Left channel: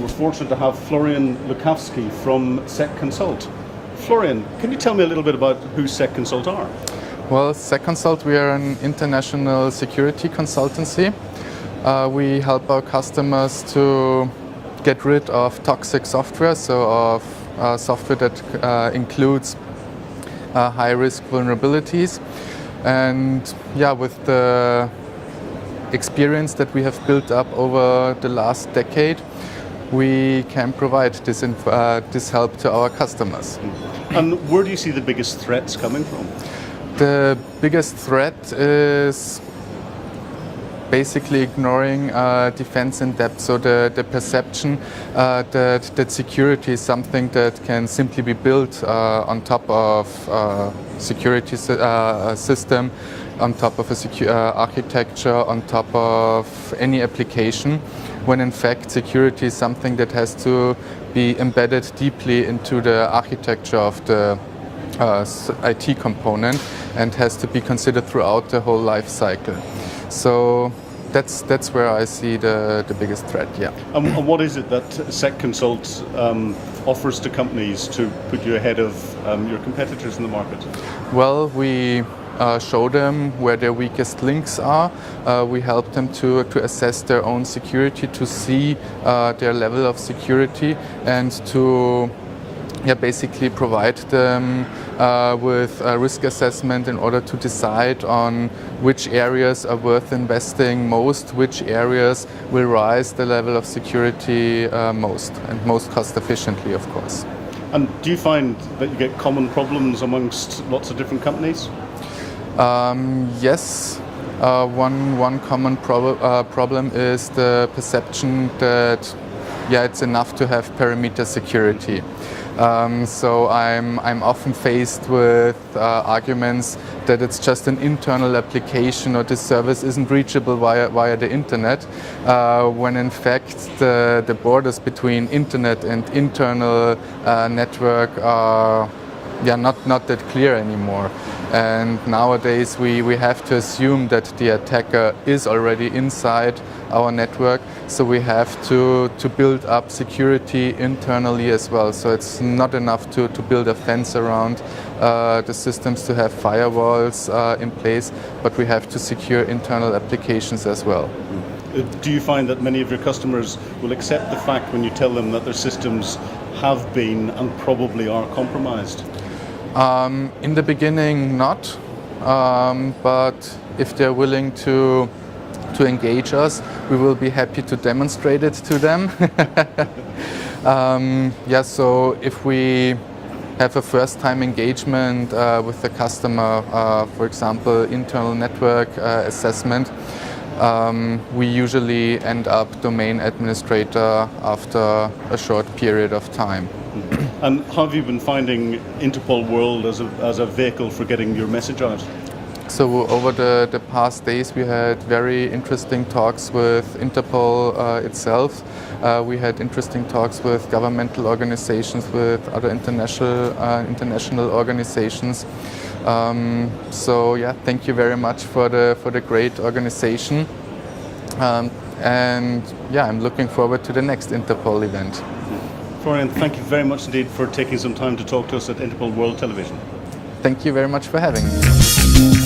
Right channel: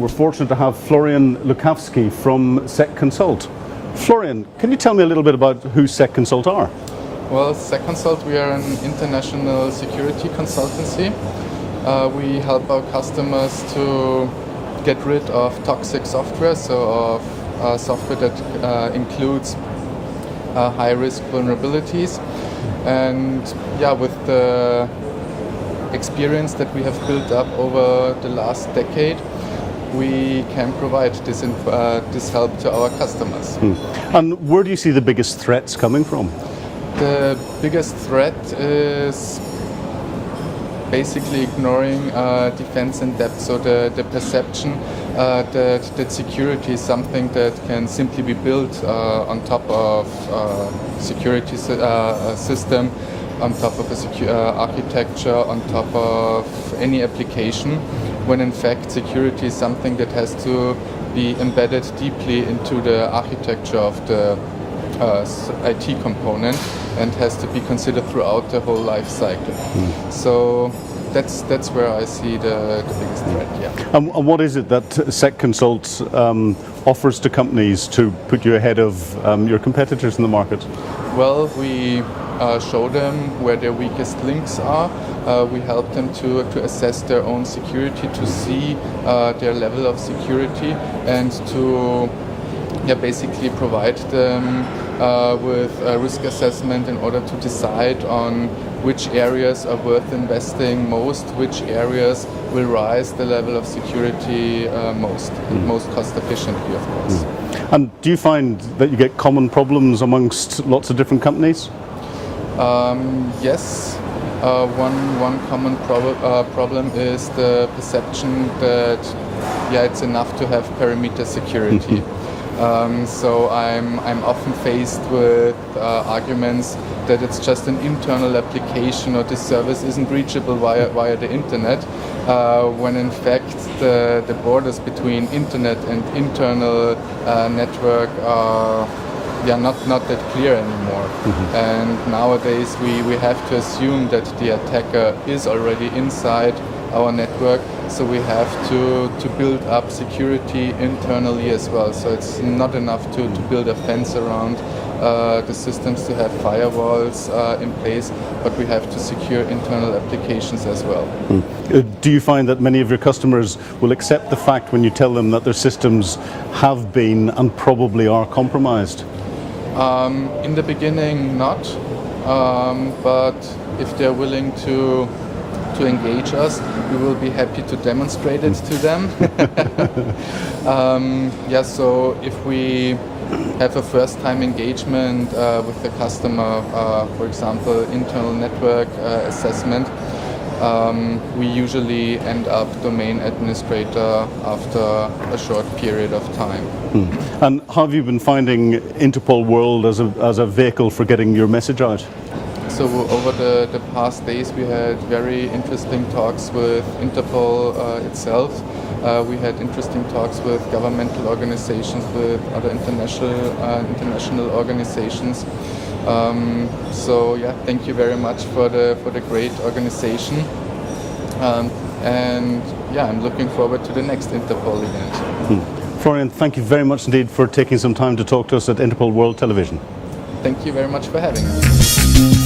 We're fortunate to have Florian Lukavsky from SEC Consult. Florian, can you tell me a little bit about who SEC Consult are? Well, SEC Consult, we are an international security consultancy. We help our customers to get rid of toxic software, so of software that includes high-risk vulnerabilities. And yeah, with the experience that we have built up over the last decade, we can provide this help to our customers. And where do you see the biggest threats coming from? The biggest threat is basically ignoring defense in depth, so the perception that security is something that can simply be built on top of security system, on top of a secure architecture, on top of any application, when in fact security is something that has to be embedded deeply into the architecture of the IT component and has to be considered throughout the whole life cycle. So that's where I see the biggest threat. Yeah. And what is it that SEC Consult offers to companies to put you ahead of your competitors in the market? Well, we show them where their weakest links are. We help them to assess their own security, to see their level of security, and to basically provide them with a risk assessment in order to decide on which areas are worth investing most, which areas will rise the level of security most, and most cost efficiently, of course. And do you find that you get common problems amongst lots of different companies? Yes. One common problem is the perception that it's enough to have perimeter security. So I'm often faced with arguments that it's just an internal application or this service isn't reachable via the internet, when in fact the borders between internet and internal network are not that clear anymore. And nowadays we have to assume that the attacker is already inside our network, so we have to build up security internally as well. So it's not enough to build a fence around the systems, to have firewalls in place, but we have to secure internal applications as well. Do you find that many of your customers will accept the fact when you tell them that their systems have been and probably are compromised? In the beginning, not, but if they're willing to engage us, we will be happy to demonstrate it to them. So if we have a first-time engagement with the customer, for example, internal network assessment, we usually end up domain administrator after a short period of time. And how have you been finding Interpol World as a vehicle for getting your message out? So over the past days we had very interesting talks with Interpol itself. We had interesting talks with governmental organizations, with other international organizations. Thank you very much for the great organization. I'm looking forward to the next Interpol event. Florian, thank you very much indeed for taking some time to talk to us at Interpol World Television. Thank you very much for having me.